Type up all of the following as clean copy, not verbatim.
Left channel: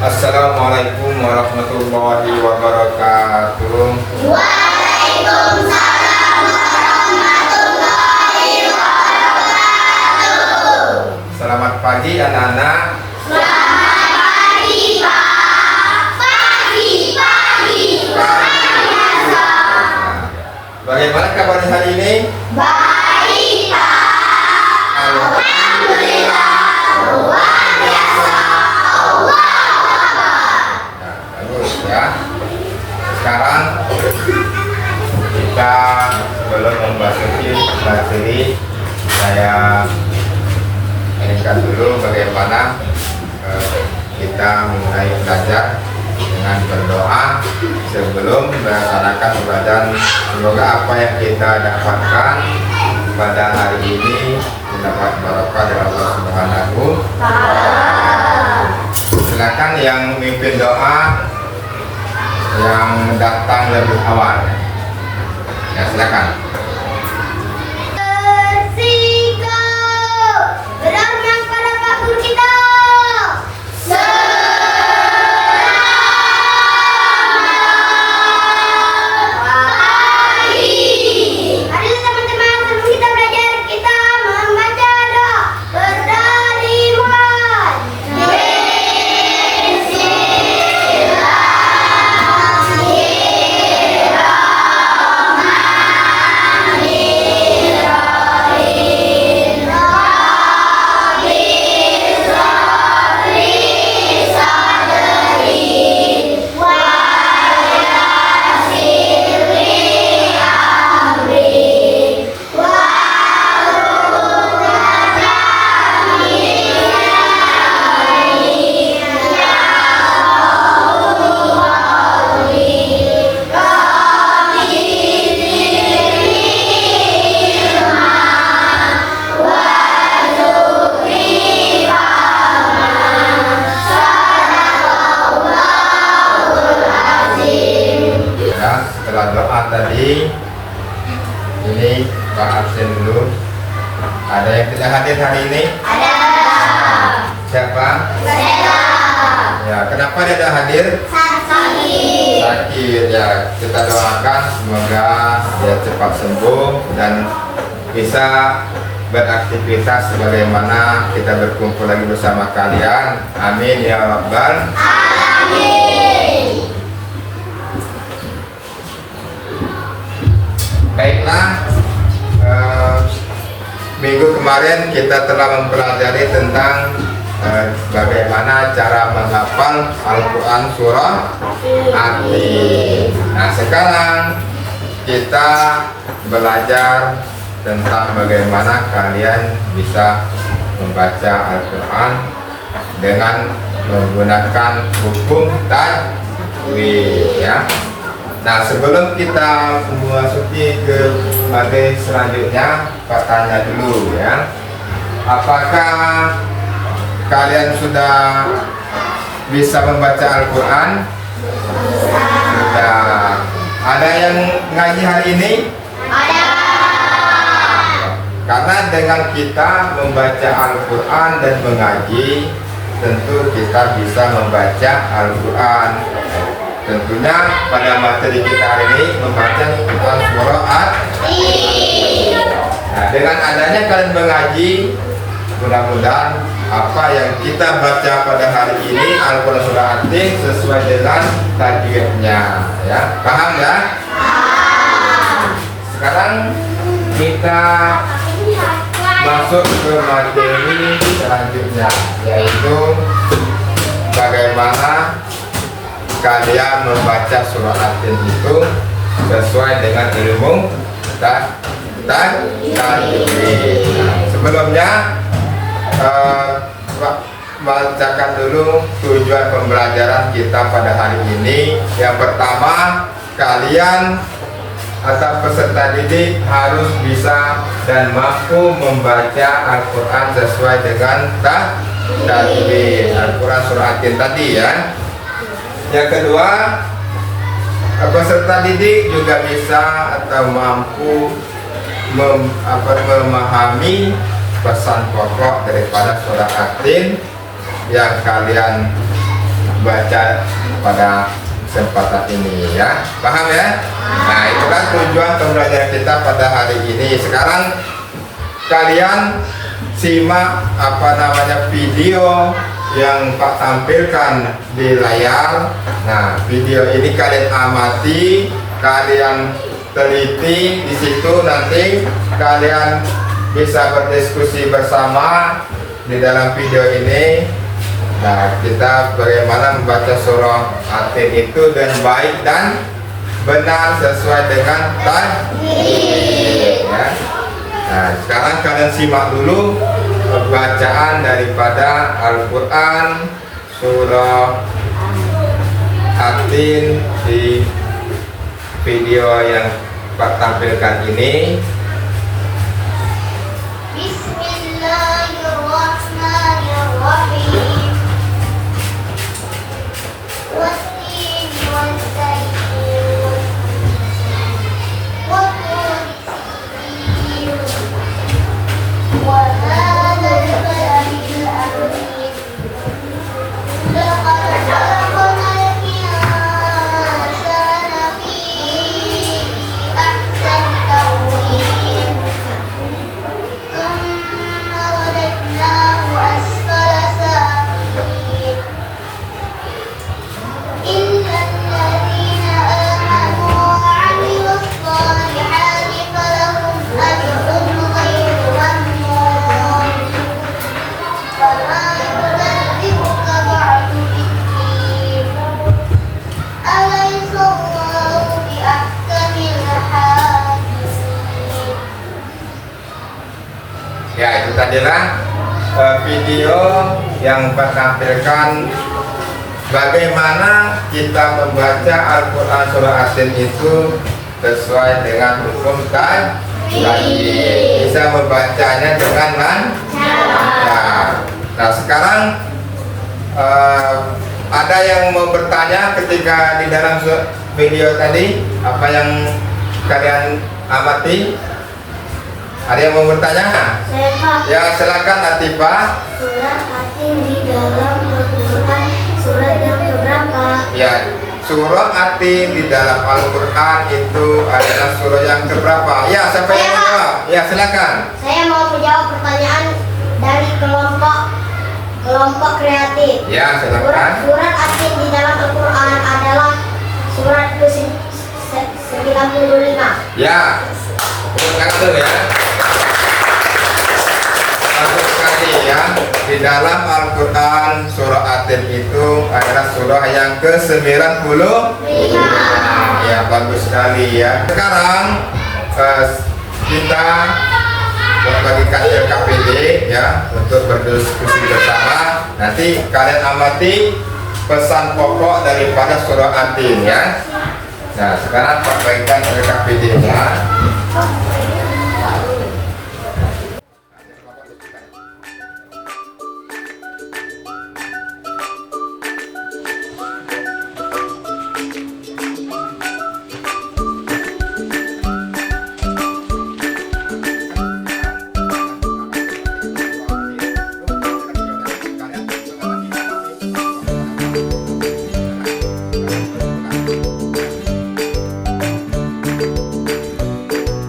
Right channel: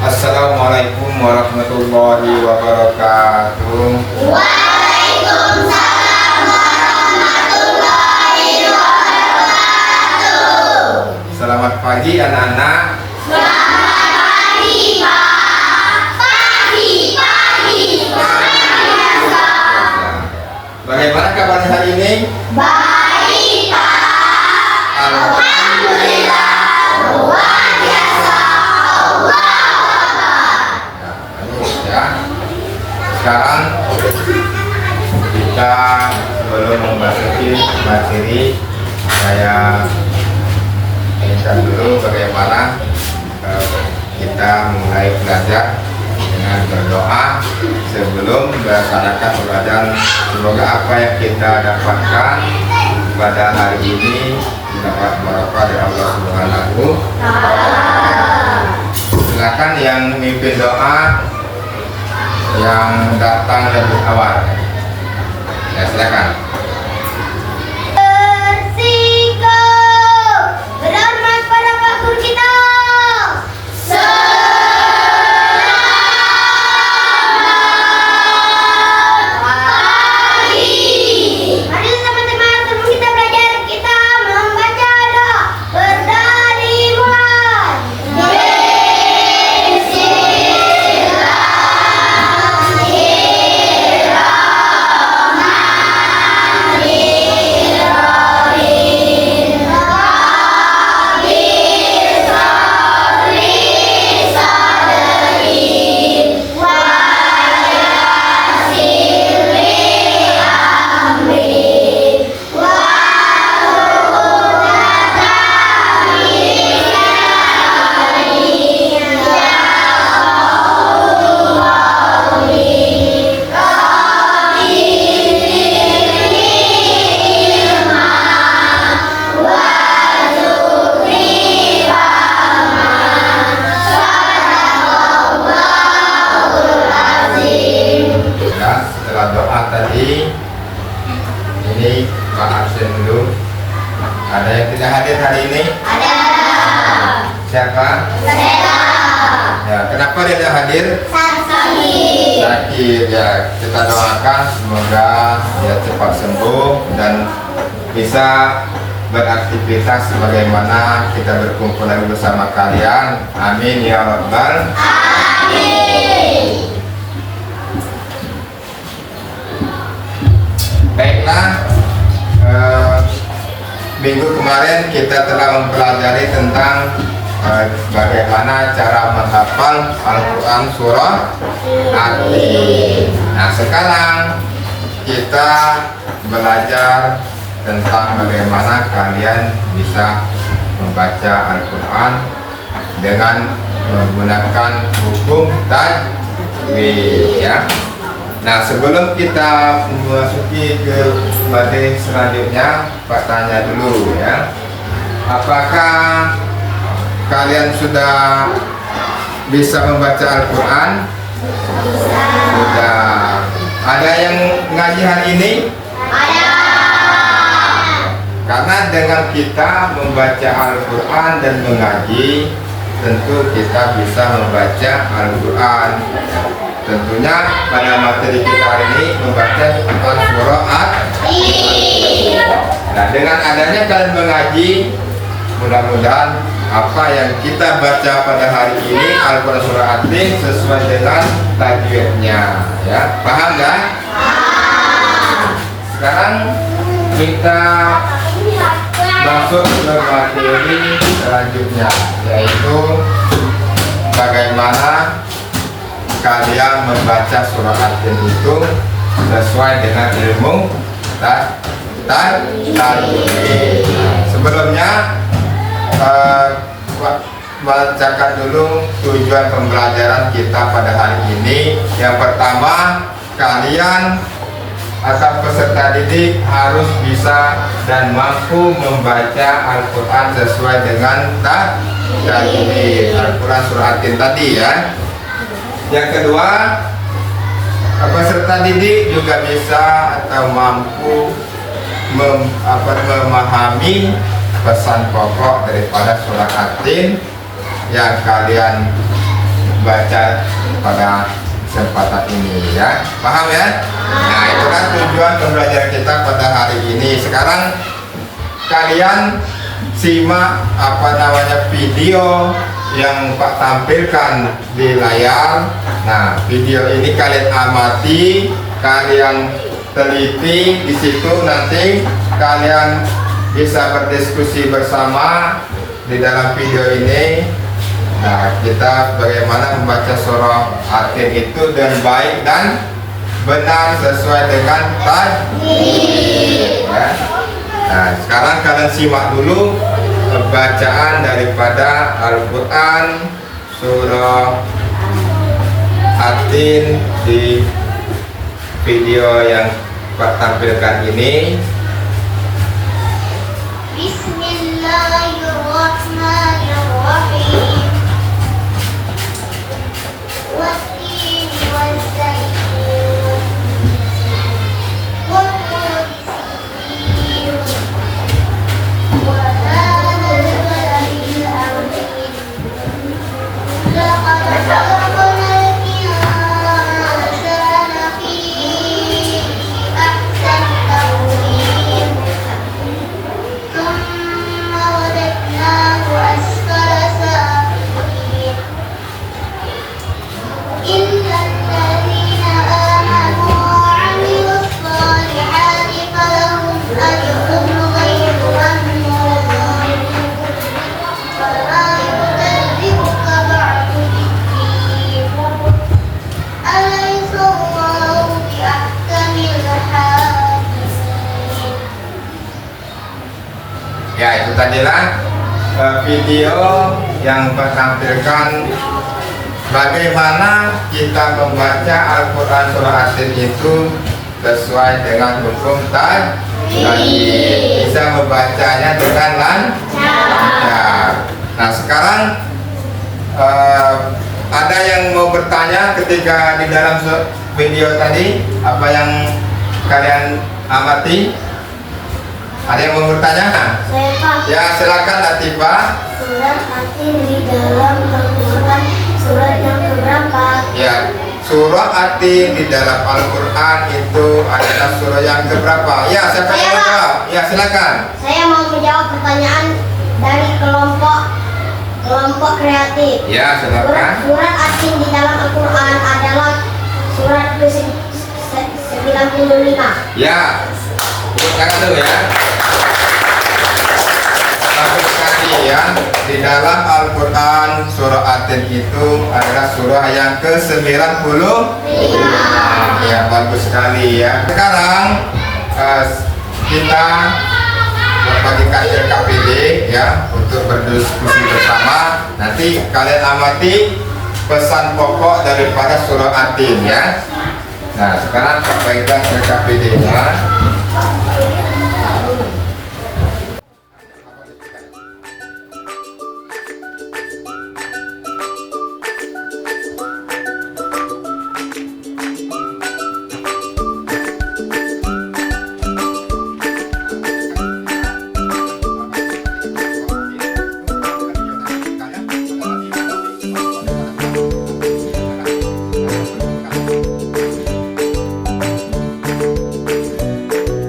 Assalamualaikum warahmatullahi wabarakatuh. Waalaikumsalam warahmatullahi wabarakatuh. Selamat pagi anak-anak. Selamat pagi Pak. Pagi. Bagaimana kabarnya hari ini? Baik Pak. Alhamdulillah. Luar biasa. Nah, bagus ya. Sekarang kita belum memasuki materi. Saya ingatkan dulu bagaimana kita mulai belajar dengan berdoa sebelum melaksanakan pembelajaran. Semoga apa yang kita dapatkan pada hari ini dapat barokah dari Allah Subhanahu. Silakan yang mimpin doa yang datang lebih awal. Ya, silakan. Berhormat pada Pak Guru kita. Mari teman-teman, sebelum kita belajar, kita membaca doa. Berdari mulai. Ya, setelah doa tadi, ini Pak absen dulu. Ada yang tidak hadir hari ini? Ada. Siapa? Saya. Ya, kenapa dia tidak hadir? Sakit. Sakit ya. Kita doakan semoga dia cepat sembuh dan bisa beraktivitas sebagaimana kita berkumpul lagi bersama kalian. Amin ya rabbal. Amin. Baiklah, minggu kemarin kita telah mempelajari tentang bagaimana cara menghafal Al-Quran surah At-Tin. Nah, sekarang kita belajar tentang bagaimana kalian bisa membaca Al-Quran dengan menggunakan hukum tajwid ya. Nah, sebelum kita memasuki ke materi selanjutnya, Pak tanya dulu ya. Apakah kalian sudah bisa membaca Al-Quran? Sudah. Ada yang ngaji hari ini? Ada. Karena dengan kita membaca Al-Quran dan mengaji, tentu kita bisa membaca Al-Quran. Tentunya pada materi kita hari ini membaca tentang surah At-Tin. Nah, dengan adanya kalian mengaji, mudah-mudahan apa yang kita baca pada hari ini Al-Quran surah At-Tin sesuai dengan tajwidnya ya. Paham ya? Sekarang kita masuk ke materi selanjutnya, yaitu bagaimana kalian membaca surah At-Tin itu sesuai dengan ilmu tajwid. Sebelumnya bacakan dulu tujuan pembelajaran kita pada hari ini. Yang pertama, kalian atau peserta didik harus bisa dan mampu membaca Al-Quran sesuai dengan tajwid Al-Quran surah At-Tin tadi ya. Yang kedua, peserta didik juga bisa atau mampu memahami pesan pokok daripada surah At-Tin yang kalian baca pada kesempatan ini ya. Paham ya? Nah, itu kan tujuan pembelajaran kita pada hari ini. Sekarang kalian simak video yang Pak tampilkan di layar. Nah, video ini kalian amati, kalian teliti di situ, nanti kalian bisa berdiskusi bersama di dalam video ini. Nah, kita bagaimana membaca surah Atin itu dengan baik dan benar sesuai dengan tajwid ya. Nah, sekarang kalian simak dulu bacaan daripada Al-Quran surah Atin di video yang Pak tampilkan ini. Bismillahirrahmanirrahim. Wattini waz-zaitun. Wat-turi sinin. Wa hadzal baladil amin. Laqad khalaqnal insana fi ahsani taqwim. Tsumma radadnahu asfala safilin. إلا الذين آمنوا وعملوا الصالحات فلهم أجر غير ممنون ولا يكذبك بعد بالدين أليس الله بأحكم الحاكمين. Ya, itu tadilah video yang Pak tampilkan bagaimana kita membaca Al-Quran surah Atin itu sesuai dengan hukum tajwid, bisa membacanya dengan lancar. Nah, sekarang ada yang mau bertanya ketika di dalam video tadi apa yang kalian amati? Ada yang mau bertanya? Ya, silakan Latifah. Surah Atin di dalam Al-Quran surat yang keberapa? Ya, surah Atin di dalam Al-Quran itu adalah surah yang keberapa? Ya, siapa yang mau jawab? Ya, silakan. Saya mau menjawab pertanyaan dari kelompok kreatif. Ya, silakan. Surat Atin di dalam Al-Quran adalah surat ke-95. Ya, tepuk tangan dulu ya. Bagus sekali ya. Di dalam Al-Quran surah Atin itu adalah surah yang ke-95. Ya, bagus sekali ya. Sekarang kita membagikan LKPD ya untuk berdiskusi bersama. Nanti kalian amati pesan pokok daripada surah Atin ya. Nah, sekarang Pak bagikan LKPD-nya.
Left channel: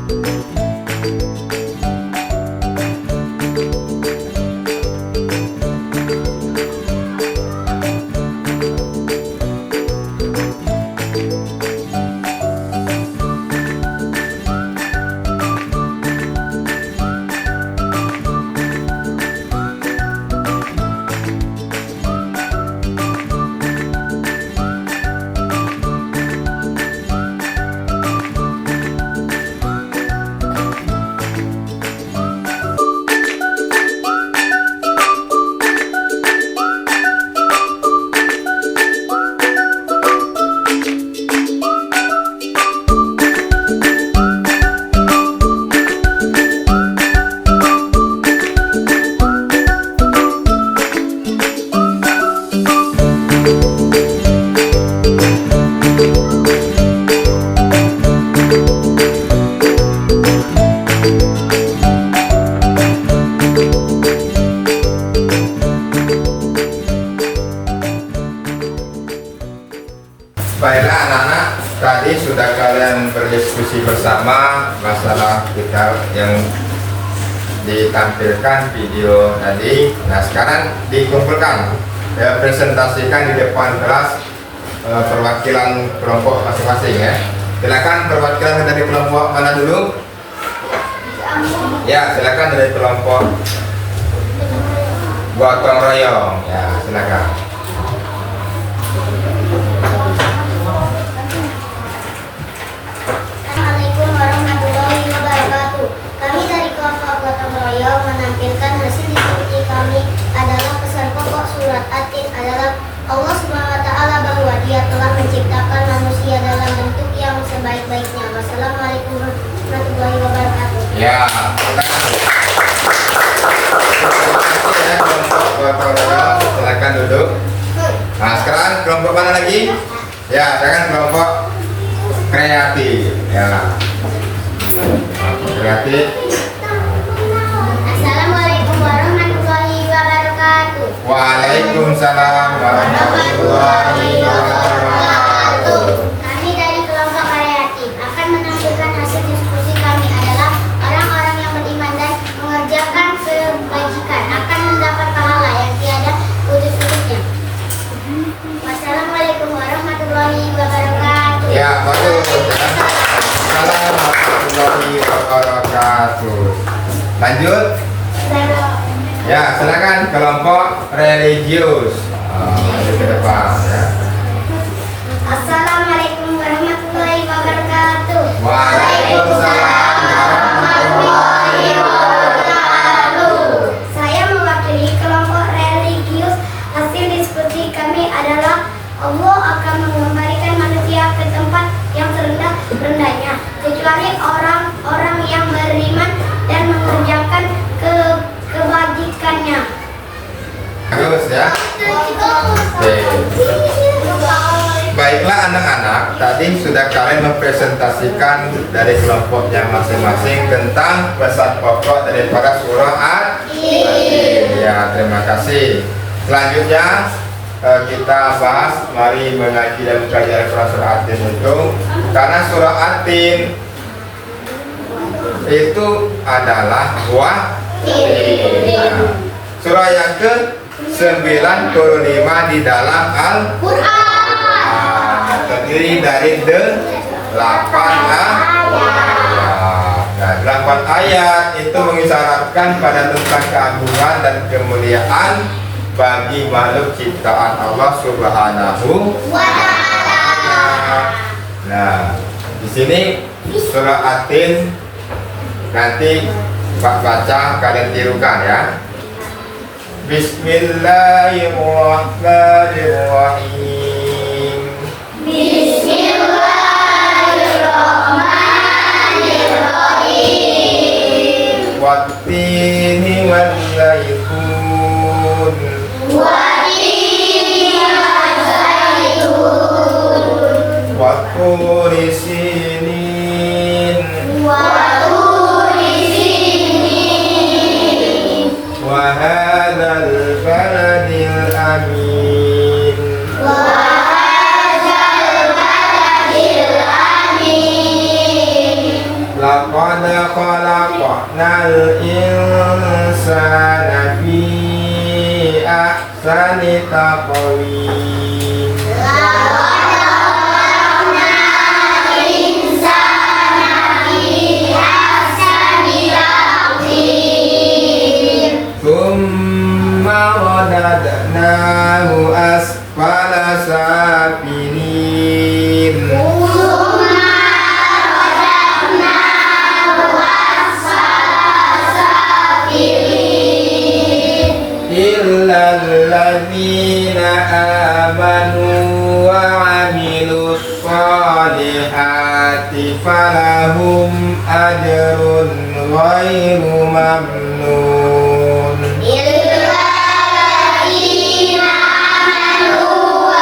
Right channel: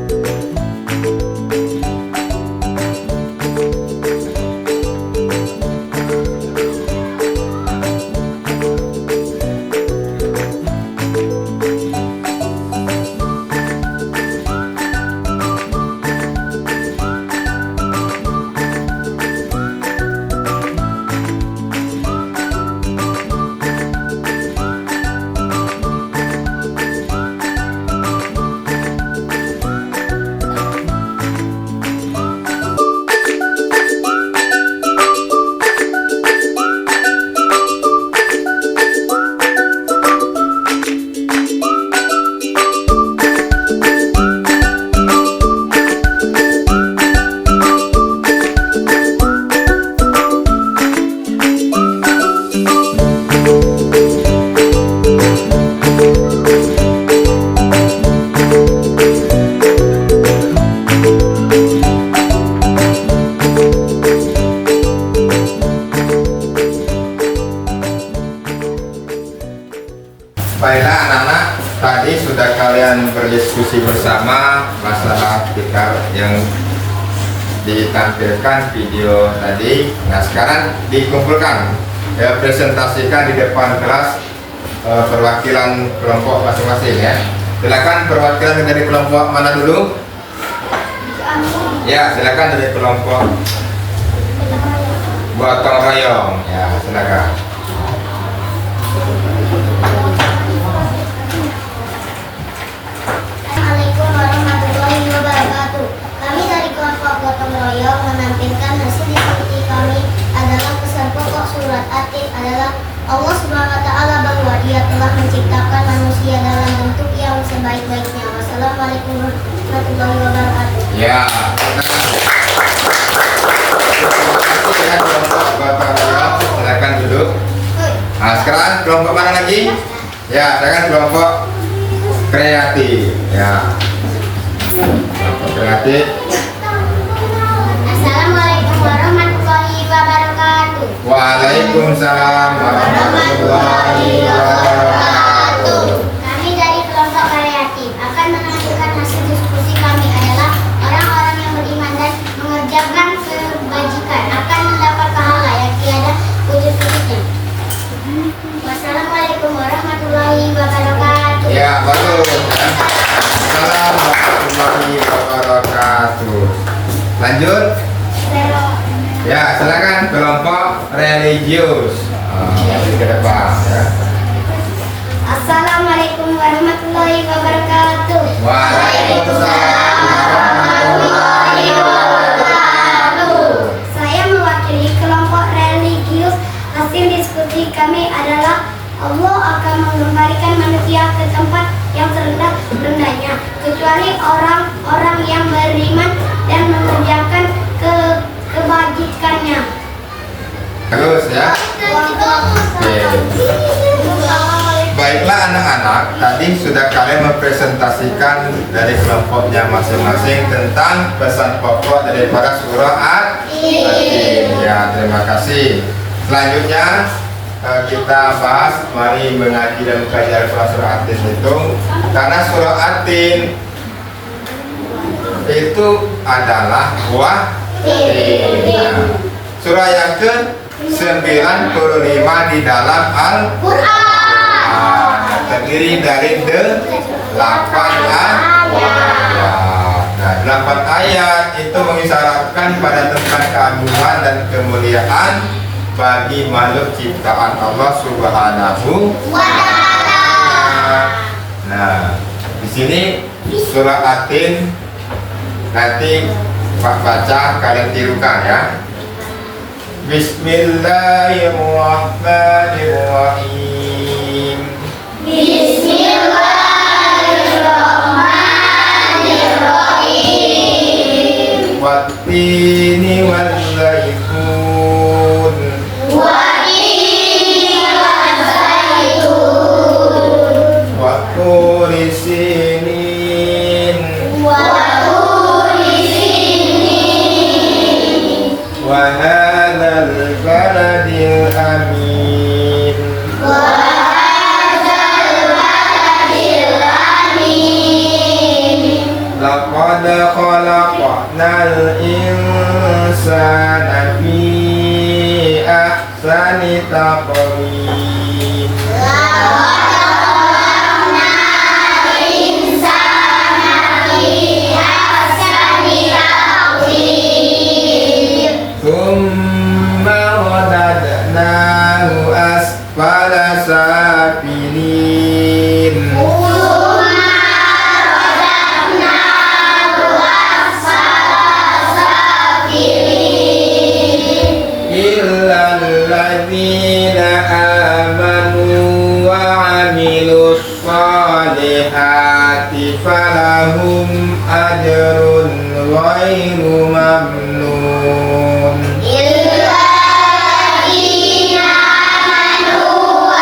Baiklah anak-anak, tadi sudah kalian berdiskusi bersama masalah kitab yang ditampilkan video tadi. Nah sekarang dikumpulkan, ya, presentasikan di depan kelas perwakilan kelompok masing-masing ya. Silakan perwakilan dari kelompok mana dulu? Ya silakan dari kelompok gotong royong. Ya silakan. Assalamualaikum warahmatullahi wabarakatuh. Kami dari kelompok gotong royong menampilkan hasil diskusi kami adalah pesan pokok surat At-Tin adalah Allah Subhanahu wa taala bahwa Dia telah menciptakan manusia dalam bentuk yang sebaik-baiknya. Wassalamualaikum warahmatullahi wabarakatuh. Ya, terima kasih ya kelompok gotong royong. Silakan duduk. Nah sekarang kelompok mana lagi? Ya, sekarang kelompok kreatif. Ya, kreatif. Assalamualaikum warahmatullahi wabarakatuh. Waalaikumsalam warahmatullahi wabarakatuh. Kami dari kelompok kreatif akan menampilkan hasil diskusi kami adalah orang-orang yang beriman dan mengerjakan kebajikan akan mendapat pahala yang tiada putus-putusnya. Wassalamualaikum warahmatullahi wabarakatuh. Ya, bagus. Ya. Assalamualaikum warahmatullahi wabarakatuh. Lanjut. Ya, silakan kelompok religius. Ke depan ya. Assalamualaikum warahmatullahi wabarakatuh. Waalaikumsalam warahmatullahi wabarakatuh. Saya mewakili kelompok religius. Hasil diskusi kami adalah Allah akan mengembalikan manusia ke tempat yang terendah-rendahnya kecuali orang-orang yang beriman dan mengerjakan kebajikannya. Bagus ya. Oke. Baiklah anak-anak, tadi sudah kalian mempresentasikan dari kelompoknya masing-masing tentang pesan pokok daripada surah At-Tin. Ya, terima kasih. Selanjutnya kita bahas mari mengaji dan mempelajari Al-Quran surah At-Tin itu, karena surah At-Tin itu adalah wahyu. Surah yang ke-95 di dalam Al-Quran, terdiri dari 8 ayat. Nah, 8 ayat itu mengisyaratkan pada tentang keagungan dan kemuliaan bagi makhluk ciptaan Allah Subhanahu wa Ta'ala. Nah, di sini surah At-Tin nanti Pak baca, kalian tirukan ya. Bismillahirrahmanirrahim. Bismillahirrahmanirrahim. Wattini wal zaitun. Watturi sinin. Wahadal baladil amin. Laqad khalaqnal insana fi ahsani taqwim. Thumma radadnahu asfala safilin. Illa alladhina amanu wa amilus salihati falahum ajrun ghairu mamnun. Illa alladhina amanu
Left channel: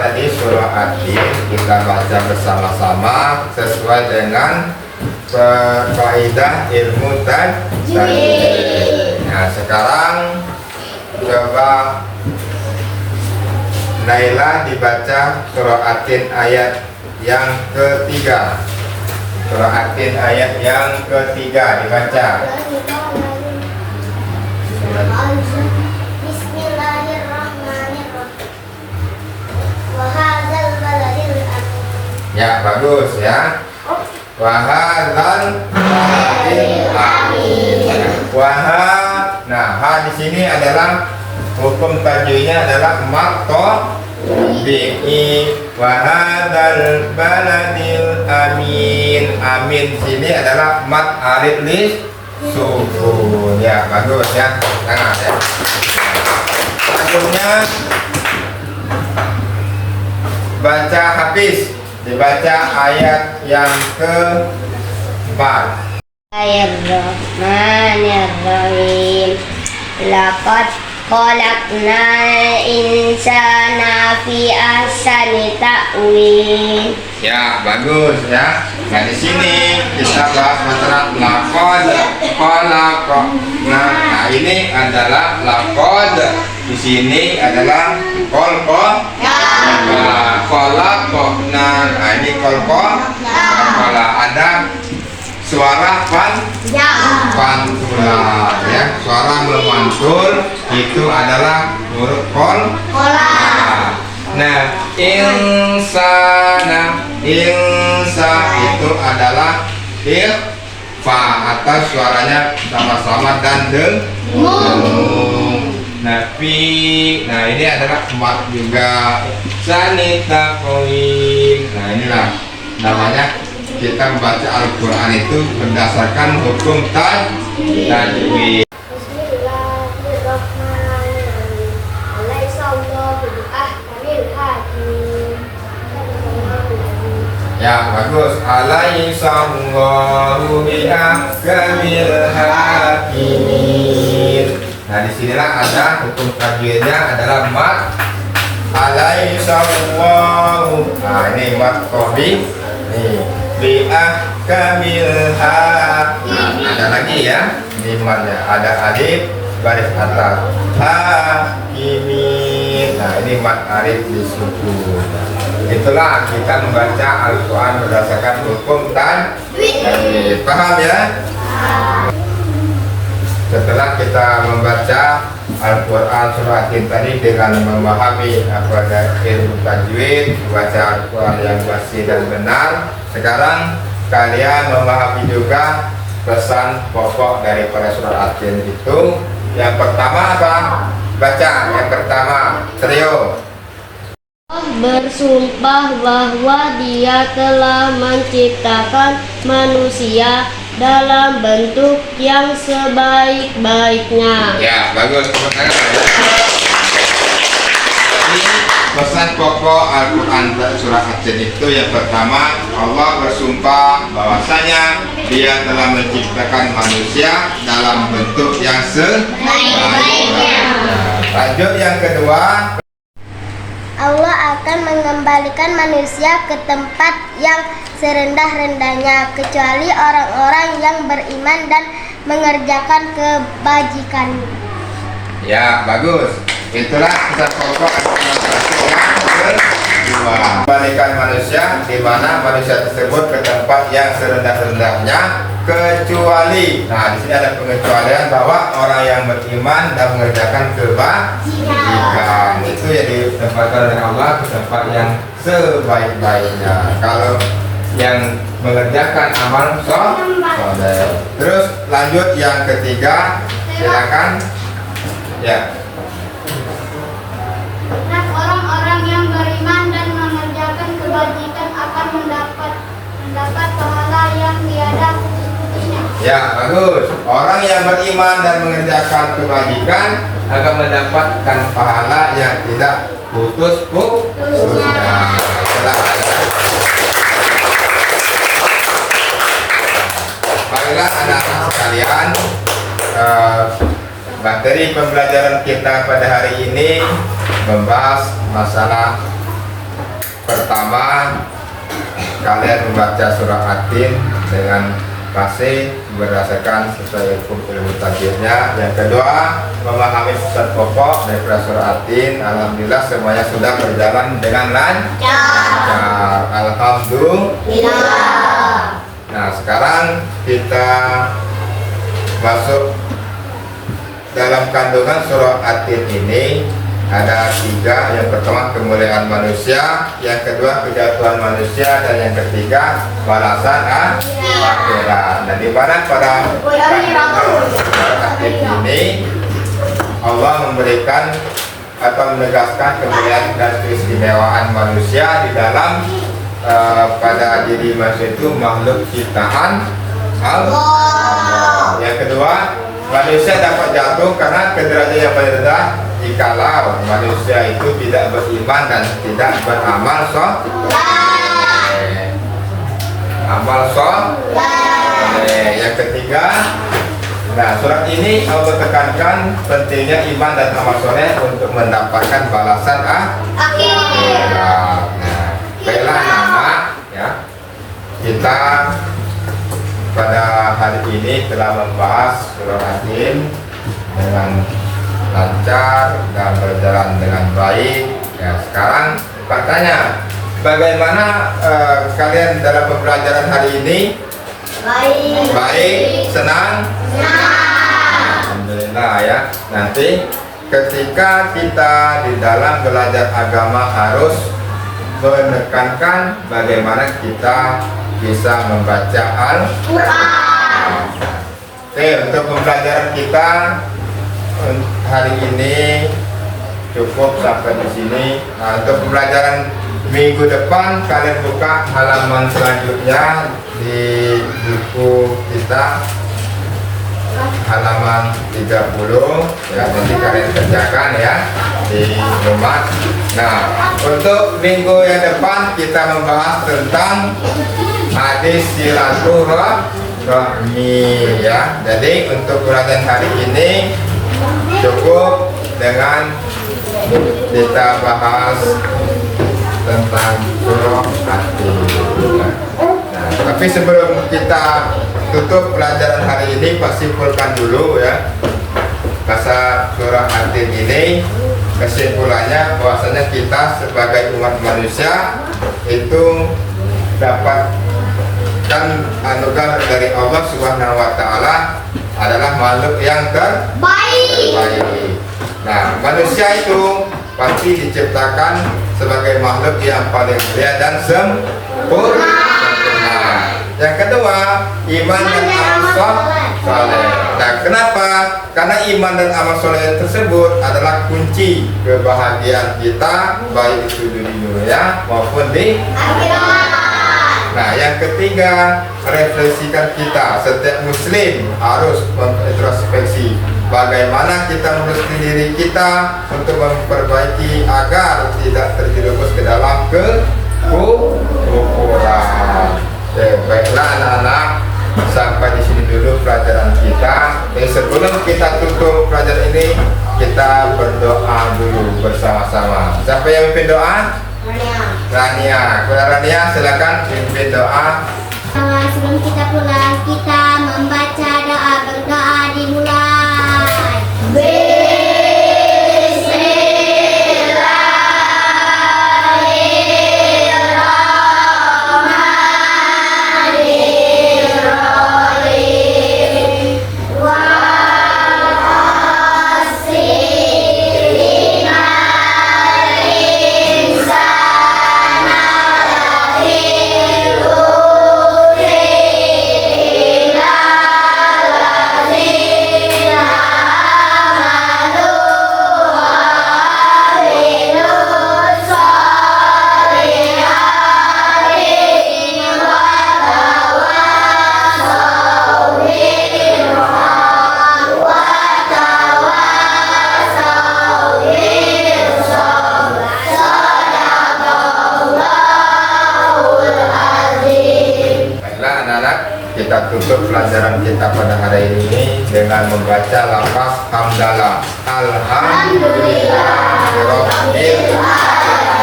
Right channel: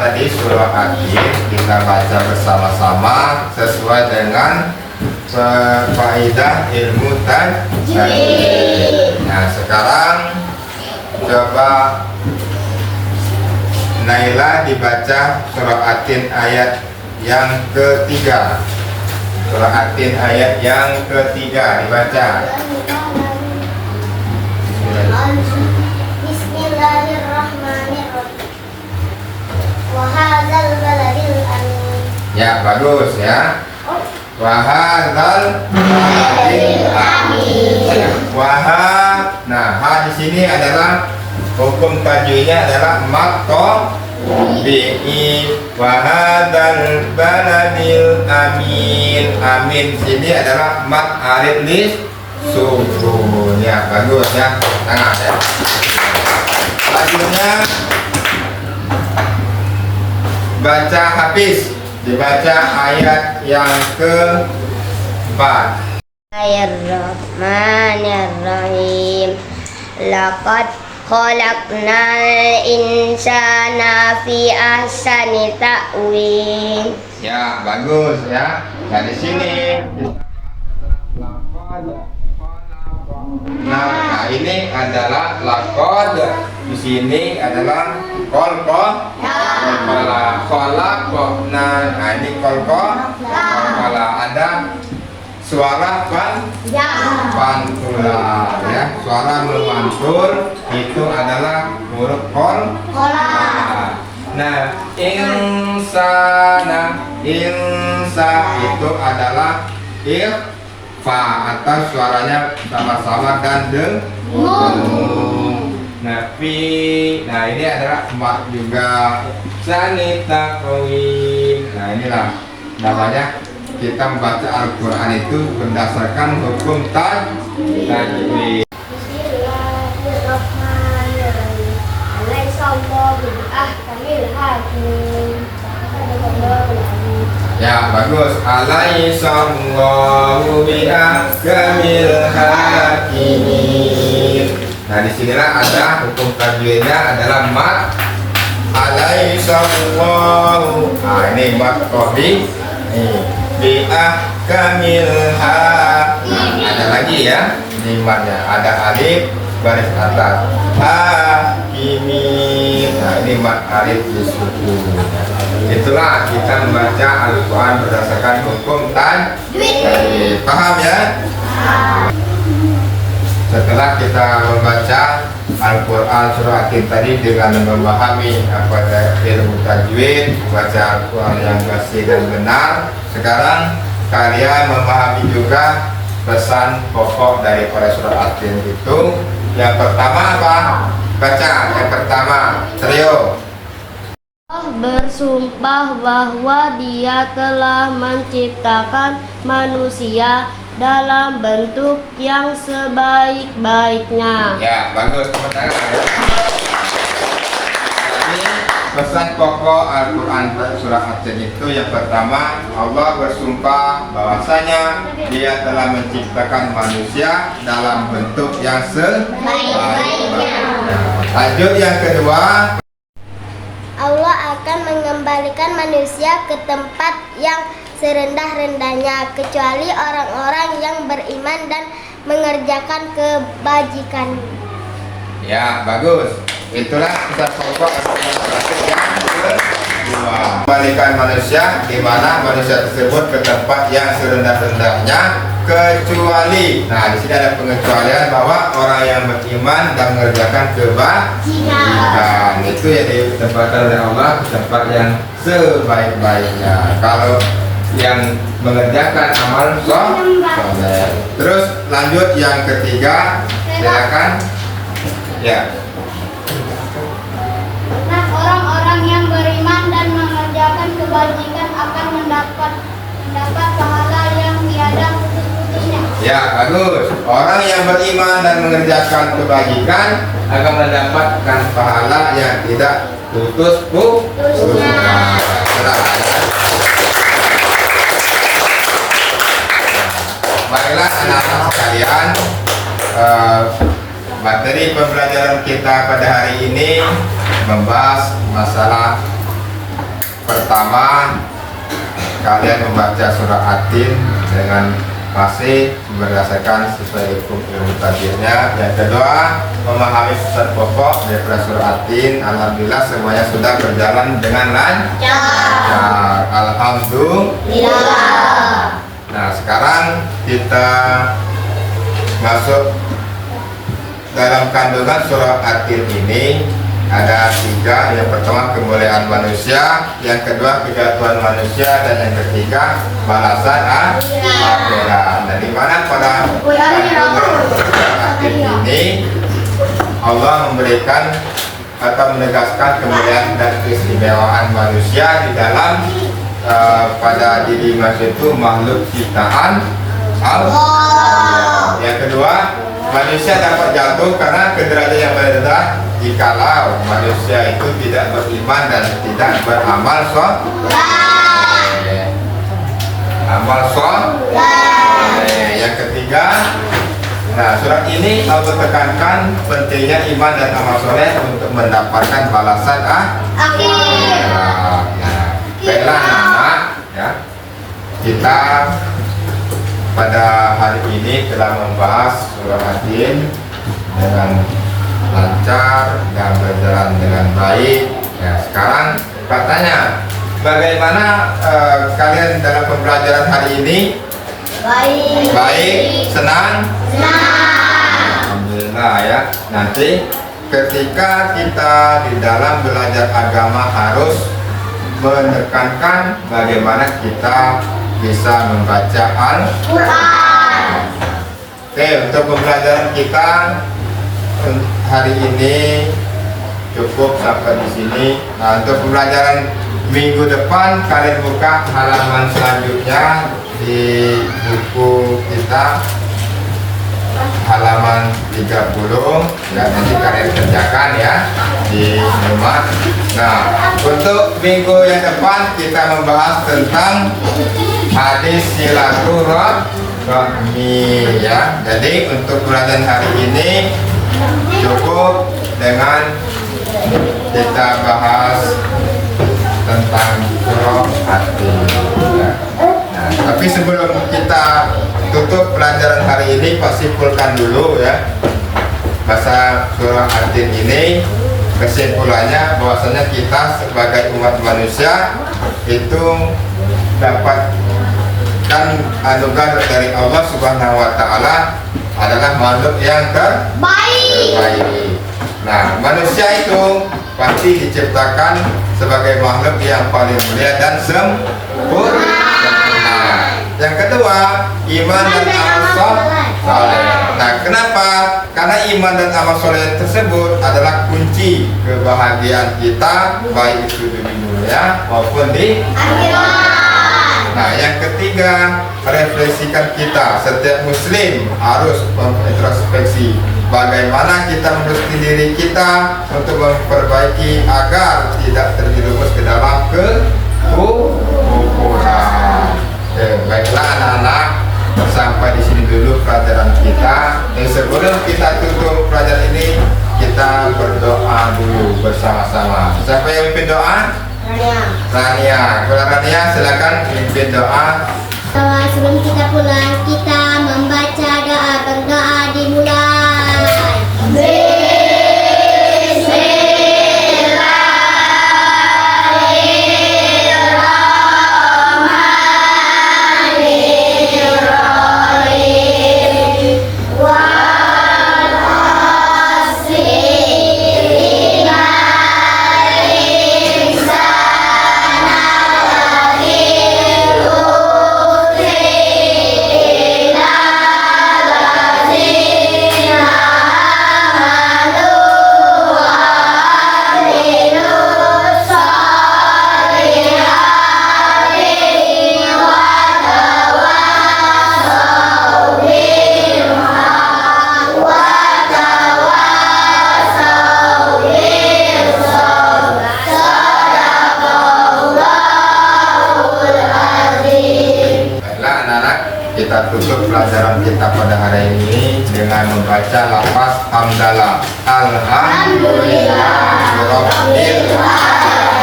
tadi surah At-Tin kita baca bersama-sama sesuai dengan faedah ilmu tajwid. Nah, sekarang coba Naila dibaca surah At-Tin ayat yang ketiga. Surah At-Tin ayat yang ketiga dibaca. Bismillahirrahmanirrahim. Wa hadzal baladil amin. Ya, bagus ya. Wahadal nah, ha di sini adalah hukum tajwidnya adalah maqta bi'i wahadal baladil amin. Amin sini adalah mat alif lis sukun. Ya, bagus ya. Tangan ya. Selanjutnya baca Hafiz, dibaca ayat yang keempat. Bismillahirrahmanirrahim. Laqad khalaqnal insana fi ahsani ta'wil. Ya, bagus ya. Nah, di sini kita bahas masalah laqad khalaqna. Nah, ini adalah laqad. Di sini adalah khalaqna. Nah, ini kalau ada suara pantulan ya, suara memantul itu adalah huruf kol. Nah, insana itu adalah ikhfa atau suaranya sama-sama dan dengung. Nah, nah ini adalah mat juga. Sanita koin. Nah, inilah namanya kita membaca Al-Quran itu berdasarkan hukum tajwid. Bismillahirrahmanirrahim. Alaihissallahu bi'ahkamil hakim. Ya, bagus. Alaihissallahu bi'ahkamil hakimin. Nah, disinilah ada hukum tajwidnya adalah mat. Alaihissallahu. Nah, ini mat kobi. Nih. Bi'ahkamil hakim. Ada lagi ya limatnya, ada alif garis atas hakimin. Nah, ini mat alif disukun. Itulah kita membaca Al-Quran berdasarkan hukum tajwid. Paham ya? Setelah kita membaca Al-Quran surah At-Tin tadi dengan memahami apa ilmu tajwid, membaca Al-Quran yang bersih dan benar, sekarang kalian memahami juga pesan pokok dari pada surah At-Tin itu. Yang pertama apa? Baca. Yang pertama, trio. Allah bersumpah bahwa Dia telah menciptakan manusia dalam bentuk yang sebaik-baiknya. Ya, bagus. Jadi pesan pokok Al-Quran surah At-Tin itu yang pertama, Allah bersumpah bahwasanya Dia telah menciptakan manusia dalam bentuk yang sebaik-baiknya. Lanjut yang kedua. Allah akan mengembalikan manusia ke tempat yang serendah-rendahnya kecuali orang-orang yang beriman dan mengerjakan kebajikan. Ya, bagus. Itulah pesan pokok yang kedua. Kembalikan manusia di mana manusia tersebut ke tempat yang serendah-rendahnya kecuali. Nah, di sini ada pengecualian bahwa orang yang beriman dan mengerjakan kebajikan itu yang ditempatkan oleh Allah ke tempat yang sebaik-baiknya. Kalau yang mengerjakan amal soleh. Terus lanjut yang ketiga, silakan. Ya. Nah, orang-orang yang beriman dan mengerjakan kebajikan akan mendapat pahala yang tiada putus-putusnya. Ya, bagus. Orang yang beriman dan mengerjakan kebajikan akan mendapatkan pahala yang tidak putus-putusnya. Baiklah anak-anak sekalian, materi pembelajaran kita pada hari ini membahas masalah pertama kalian membaca surah At-Tin dengan fasih berdasarkan sesuai hukum ilmu tajwidnya. Yang kedua, memahami pesan pokok dari surah At-Tin. Alhamdulillah semuanya sudah berjalan dengan lancar. Alhamdulillah. Nah, sekarang kita masuk dalam kandungan surah At-Tin ini. Ada 3, yang pertama kemuliaan manusia, yang kedua kejatuhan manusia, dan yang ketiga balasan akhirat. Dan di mana pada kandungan At-Tin ini Allah memberikan atau menegaskan kemuliaan dan keistimewaan manusia di dalam pada diri manusia itu makhluk ciptaan Allah. Yang kedua, manusia dapat jatuh karena kederajatan yang paling rendah jikalau manusia itu tidak beriman dan tidak beramal soleh. Yang ketiga, nah surat ini Allah tekankan pentingnya iman dan amal soleh untuk mendapatkan balasan akhirat. Nah, baiklah anak-anak ya, kita pada hari ini telah membahas surah At-Tin dengan lancar dan berjalan dengan baik. Ya, sekarang katanya bagaimana kalian dalam pembelajaran hari ini? Baik, senang? Alhamdulillah ya. Nanti ketika kita di dalam belajar agama harus menekankan bagaimana kita bisa membaca Al-Quran. Oke, untuk pembelajaran kita hari ini cukup sampai di sini. Nah, untuk pembelajaran minggu depan kalian buka halaman selanjutnya di buku kita halaman 30 ya, nanti kalian kerjakan ya di rumah. Nah, untuk minggu yang depan kita membahas tentang hadis silaturahmi ya. Jadi untuk pelajaran hari ini cukup dengan kita bahas tentang surah At-Tin. Nah, tapi sebelum kita tutup pelajaran hari ini, Pak simpulkan dulu ya bahasa surah At-Tin ini. Kesimpulannya bahwasanya kita sebagai umat manusia itu dapatkan anugerah dari Allah Subhanahu wa taala adalah makhluk yang terbaik. Nah, manusia itu pasti diciptakan sebagai makhluk yang paling mulia dan sempurna. Yang kedua, iman dan amal soleh. Nah, kenapa? Karena iman dan amal soleh tersebut adalah kunci kebahagiaan kita, baik itu di dunia maupun di akhirat. Nah, yang ketiga, refleksikan kita. Setiap muslim harus mengintrospeksi bagaimana kita mengerti diri kita untuk memperbaiki agar tidak terjerumus ke dalam kekufuran. Baiklah anak-anak, sampai di sini dulu pelajaran kita. Dan sebelum kita tutup pelajaran ini, kita berdoa dulu bersama-sama. Siapa yang memimpin doa? Rania. Kalau Rania, silakan memimpin doa. Sebelum kita pulang, kita membaca doa, berdoa dimulai. Kita tutup pelajaran kita pada hari ini dengan membaca lafaz hamdalah. Alhamdulillah.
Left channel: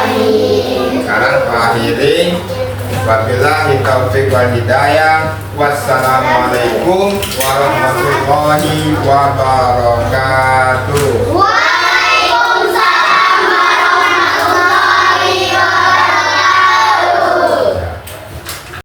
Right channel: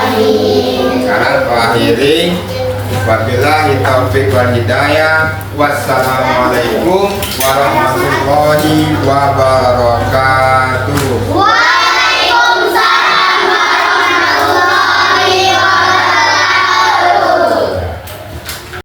Sekarang Pak akhiri. Wabillahi taufiq wal hidayah. Wassalamualaikum warahmatullahi wabarakatuh.